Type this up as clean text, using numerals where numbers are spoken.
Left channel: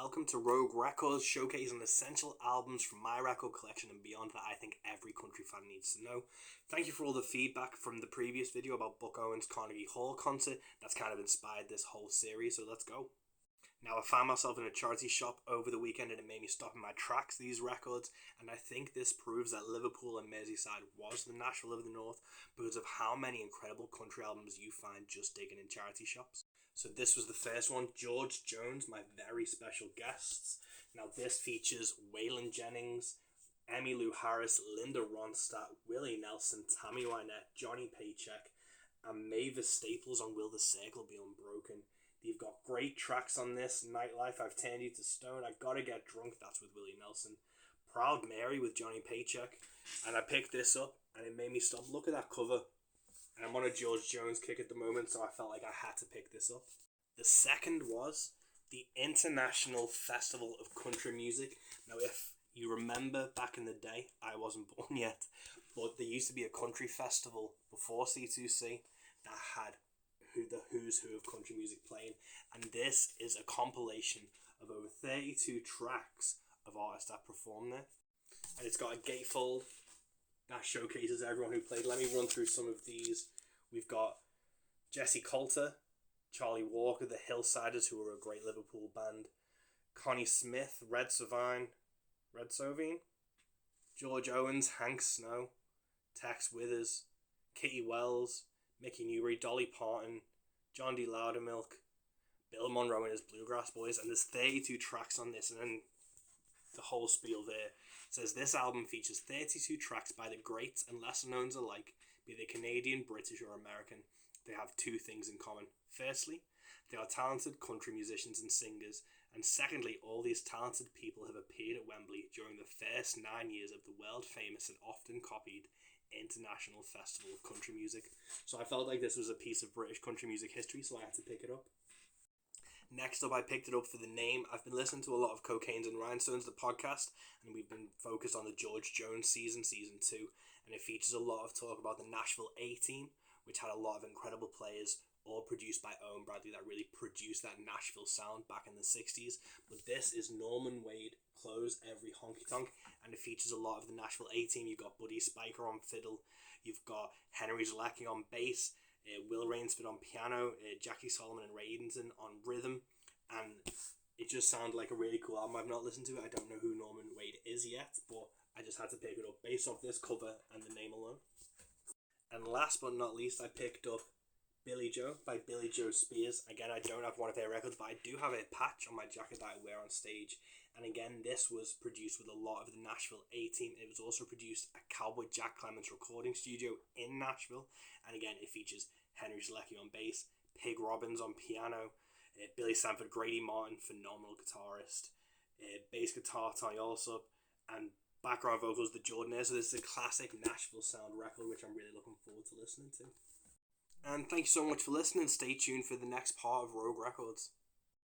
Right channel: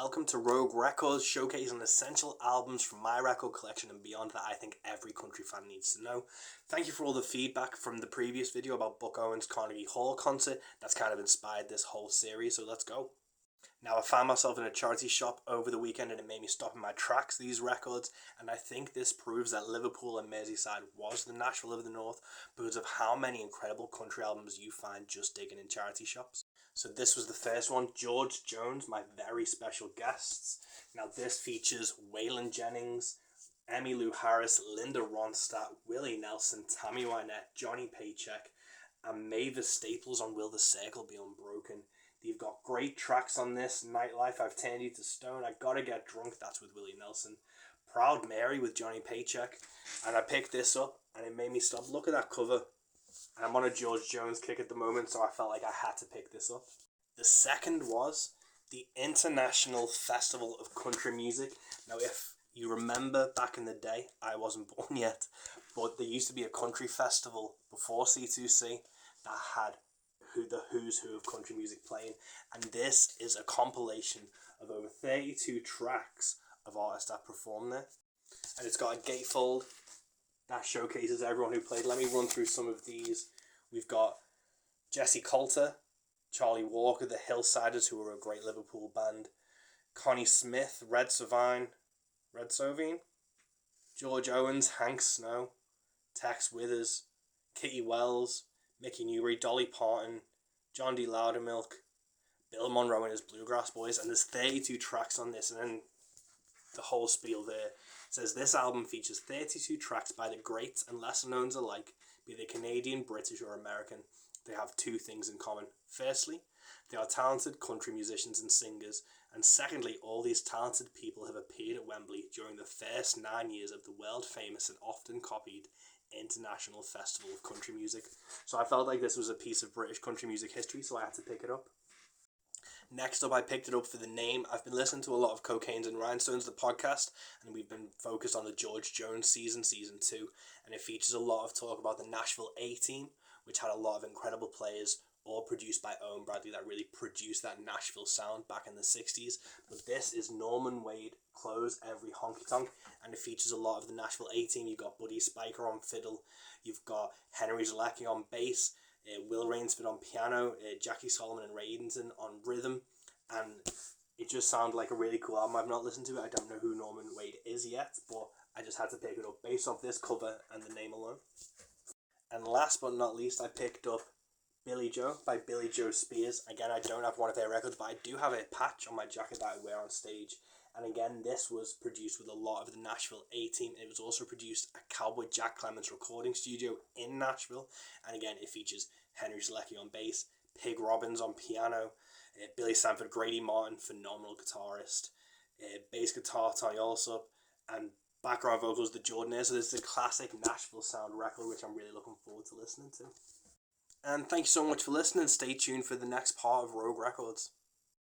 Welcome to Rogue Records, showcasing essential albums from my record collection and beyond that I think every country fan needs to know. Thank you for all the feedback from the previous video about Buck Owens' Carnegie Hall concert. That's kind of inspired this whole series, so let's go. Now, I found myself in a charity shop over the weekend and it made me stop in my tracks, these records, and I think this proves that Liverpool and Merseyside was the Nashville of the North because of how many incredible country albums you find just digging in charity shops. So this was the first one, George Jones, my very special guests. Now this features Waylon Jennings, Emmylou Harris, Linda Ronstadt, Willie Nelson, Tammy Wynette, Johnny Paycheck, and Mavis Staples on Will the Circle Be Unbroken. You've got great tracks on this. Nightlife, I've Turned You to Stone, I Gotta Get Drunk, that's with Willie Nelson. Proud Mary with Johnny Paycheck. And I picked this up and it made me stop. Look at that cover. I'm on a George Jones kick at the moment, so I felt like I had to pick this up. The second was the International Festival of Country Music. Now, if you remember back in the day, I wasn't born yet, but there used to be a country festival before C2C that had the who's who of country music playing, and this is a compilation of over 32 tracks of artists that perform there, and it's got a gatefold that showcases everyone who played. Let me run through some of these. We've got Jesse Coulter, Charlie Walker, the Hillsiders, who were a great Liverpool band, Connie Smith, Red Sovine, George Owens, Hank Snow, Tex Withers, Kitty Wells, Mickey Newbury, Dolly Parton, John D. Loudermilk, Bill Monroe and his Bluegrass Boys, and there's 32 tracks on this, and then the whole spiel there says this album features 32 tracks by the greats and lesser knowns alike, be they Canadian, British or American. They have two things in common. Firstly, they are talented country musicians and singers, and secondly, all these talented people have appeared at Wembley during the first 9 years of the world famous and often copied International Festival of Country Music. So I felt like this was a piece of British country music history, so I had to pick it up. Next up, I picked it up for the name. I've been listening to a lot of Cocaines and Rhinestones, the podcast, and we've been focused on the George Jones season 2, and it features a lot of talk about the Nashville A-Team, which had a lot of incredible players, all produced by Owen Bradley, that really produced that Nashville sound back in the 60s. But this is Norman Wade, Close Every Honky Tonk, and it features a lot of the Nashville A-Team. You've got Buddy Spiker on fiddle, you've got Henry Zalecki on bass, Will Rainsford on piano, Jackie Solomon and Ray Edenton on rhythm, and it just sounded like a really cool album. I've not listened to it. I don't know who Norman Wade is yet, but I just had to pick it up based off this cover and the name alone. And last but not least, I picked up Billy Joe by Billy Joe Spears. Again, I don't have one of their records, but I do have a patch on my jacket that I wear on stage. And again, this was produced with a lot of the Nashville A-Team. It was also produced at Cowboy Jack Clements recording studio in Nashville. And again, it features Henry Zalecki on bass, Pig Robbins on piano, Billy Sanford, Grady Martin, phenomenal guitarist, bass guitar, Tony Allsup, and background vocals, the Jordan. So this is a classic Nashville sound record, which I'm really looking forward to listening to. And thank you so much for listening. Stay tuned for the next part of Rogue Records.